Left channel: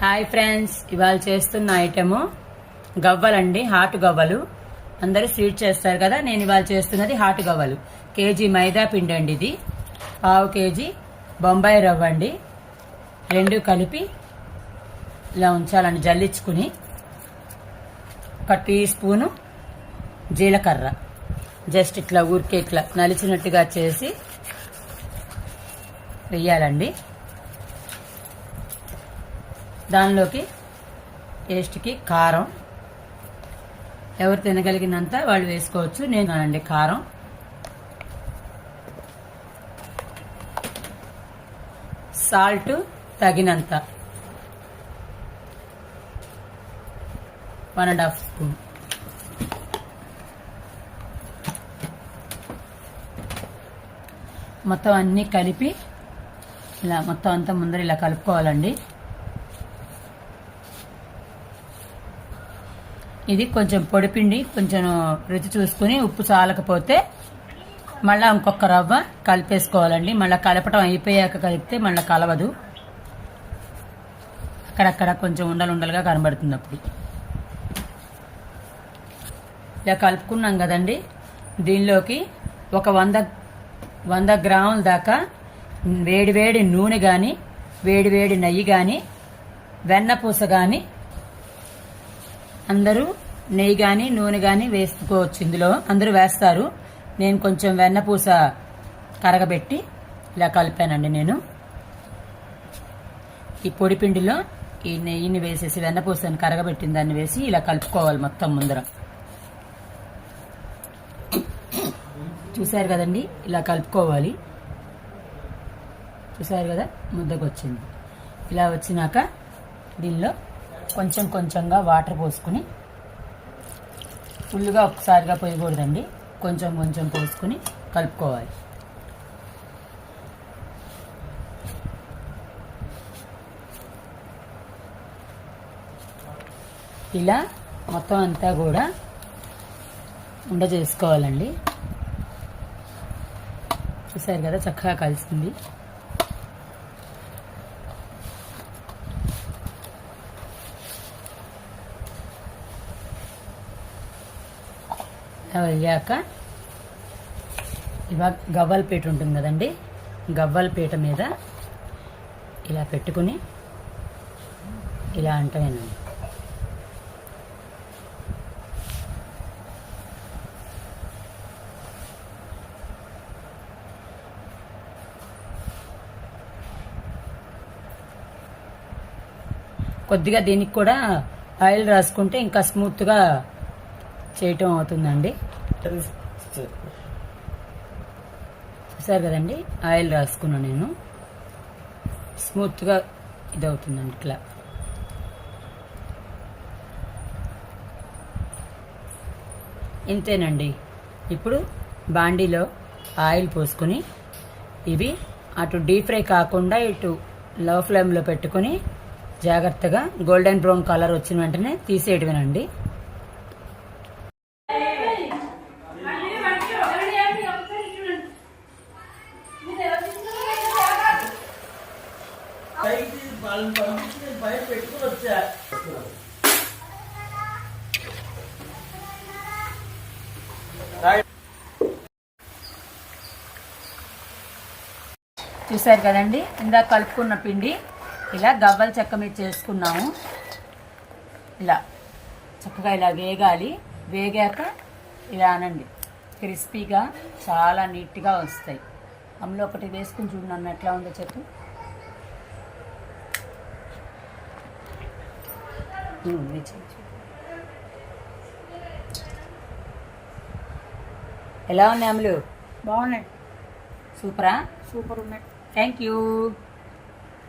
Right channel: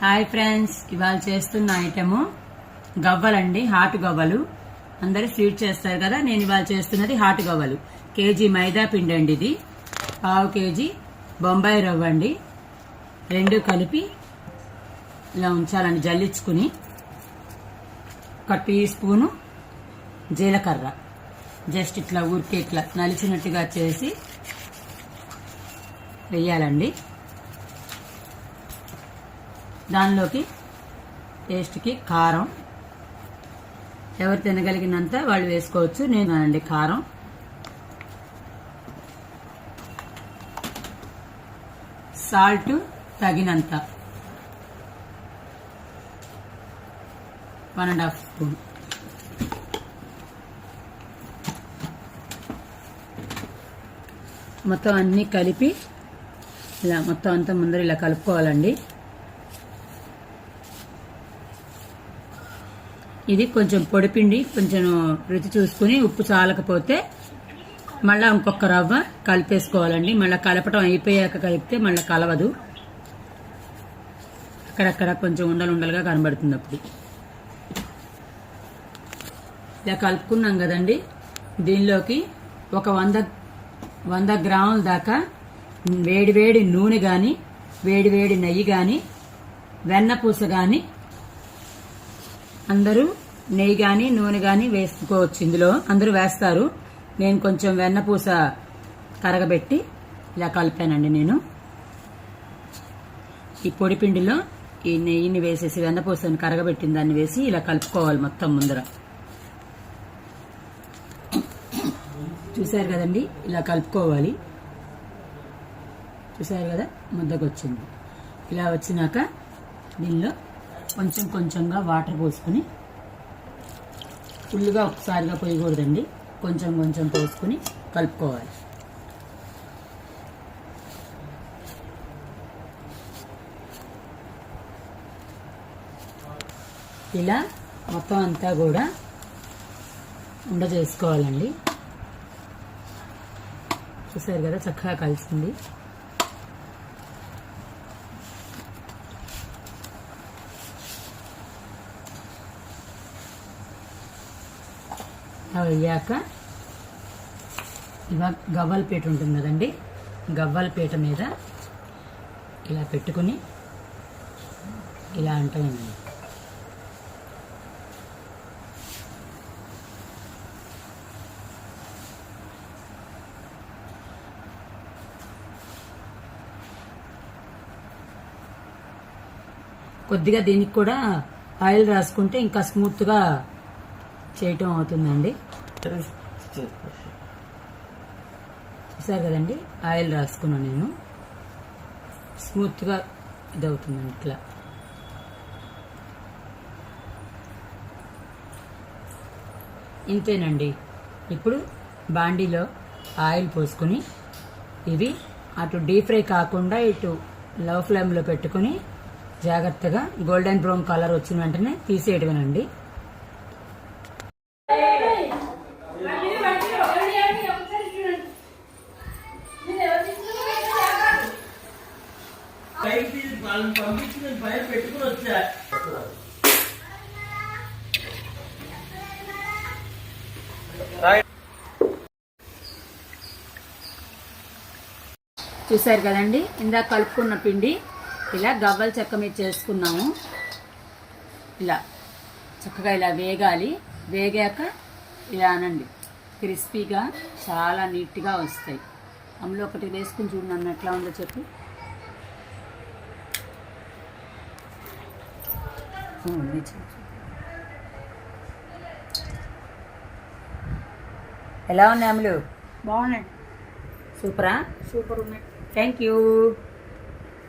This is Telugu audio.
హాయ్ ఫ్రెండ్స్, ఇవాళ చేస్తున్న ఐటెము గవ్వలండి. హాట్ గవ్వలు అందరూ స్వీట్ చేస్తారు కదా. నేను ఇవాళ చేస్తున్నది హాట్ గవ్వలు. కేజీ మైదా పిండి అండి, ఇది పావు కేజీ బొంబాయి రవ్వ అండి. రెండు కలిపి ఇలా ఉంచాలండి, జల్లించుకుని. ఒక టీ స్పూను జీలకర్ర జస్ట్ ఇట్లా ఊరికే ఇట్లా నలిచినట్టుగా చేసి వెయ్యాలండి. దానిలోకి టేస్ట్కి కారం ఎవరు తినగలిగినంత వాళ్ళు వేసుకోవచ్చు. నేను అండి కారం, సాల్ట్ తగినంత 1.5 స్పూన్, మొత్తం అన్నీ కలిపి ఇలా మొత్తం అంతా ముందర ఇలా కలుపుకోవాలండి. ఇది కొంచెం పొడిపిండి, కొంచెం రుచి చూసుకుని ఉప్పు చాలకపోతే మళ్ళీ ఇంకొక రవ్వ కలిపేసుకోవాలండి. మళ్ళీ కలపటం అయిపోయాక కలిపితే మళ్ళీ కలవదు, అక్కడక్కడ కొంచెం ఉండలుండలుగా కనబడుతుంది. అప్పుడు ఇలా కలుపుకున్నాం కదండి. దీనిలోకి ఒక 100 గ్రాముల దాకా వేడి నూనె కానీ, వేడి నెయ్యి కానీ, వెన్నపూస కానీ, అందరూ నెయ్యి కానీ నూనె కానీ వేసుకోవచ్చు. ఇందులో అందరూ వేస్తారు. నేను కొంచెం వెన్నపూస కరగబెట్టి ఇలా కలిపానండి. నేను ఈ పొడిపిండిలో ఈ నెయ్యిని వేసేసి వెన్నపూసని కరగబెట్టిన దాన్ని వేసి ఇలా కలుపుకోవాలి మొత్తం ముందర. చూసారు కదండి, ఇలా కలుపుకోవాలి. చూసారు కదా, ముద్దకు వచ్చింది. ఇలా వచ్చినాక దీనిలో కొంచెంగా వాటర్ పోసుకుని, ఫుల్గా ఒకసారిగా పోయకూడదండి, కొంచెం పోసుకుని కలుపుకోవాలి. ఇలా మొత్తం అంతా కూడా ఉండ చేసుకోవాలండి. చూసారు కదా, చక్కగా కలిసింది. వెళ్ళాక ఇవాళ గవ్వల పీట ఉంటుంది కదండి, గవ్వల పీట మీద ఇలా పెట్టుకుని ఇలా అంటానండి. కొద్దిగా దీనికి కూడా ఆయిల్ రాసుకుంటే ఇంకా స్మూత్గా చేయటం అవుతుందండి. చూసారు కదండి, ఆయిల్ రాసుకున్నాను నేను. స్మూత్గా ఇది అవుతుందండి. ఇట్లా ఇంతేనండి. ఇప్పుడు బాండీలో ఆయిల్ పోసుకుని ఇవి అటు డీప్ ఫ్రై కాకుండా ఇటు లో ఫ్లేమ్లో పెట్టుకుని జాగ్రత్తగా గోల్డెన్ బ్రౌన్ కలర్ వచ్చిన వెంటనే తీసేయటమేనండి. చూసారు కదండి, ఇందాక కలుపుకున్న పిండి ఇలా గవ్వల చెక్క మీద చేసుకున్నాము. ఇలా చక్కగా ఇలా వేగాలి. వేగాక ఇలా అనండి, క్రిస్పీగా చాలా నీట్గా వస్తాయి. అందులో ఒకటి వేసుకుని చూడండి ఎట్లా ఉందో చెప్పు. ఎలా ఉన్నాయి అమ్ములు? బాగున్నాయి. సూపరా? సూపర్ ఉన్నాయి. Thank you.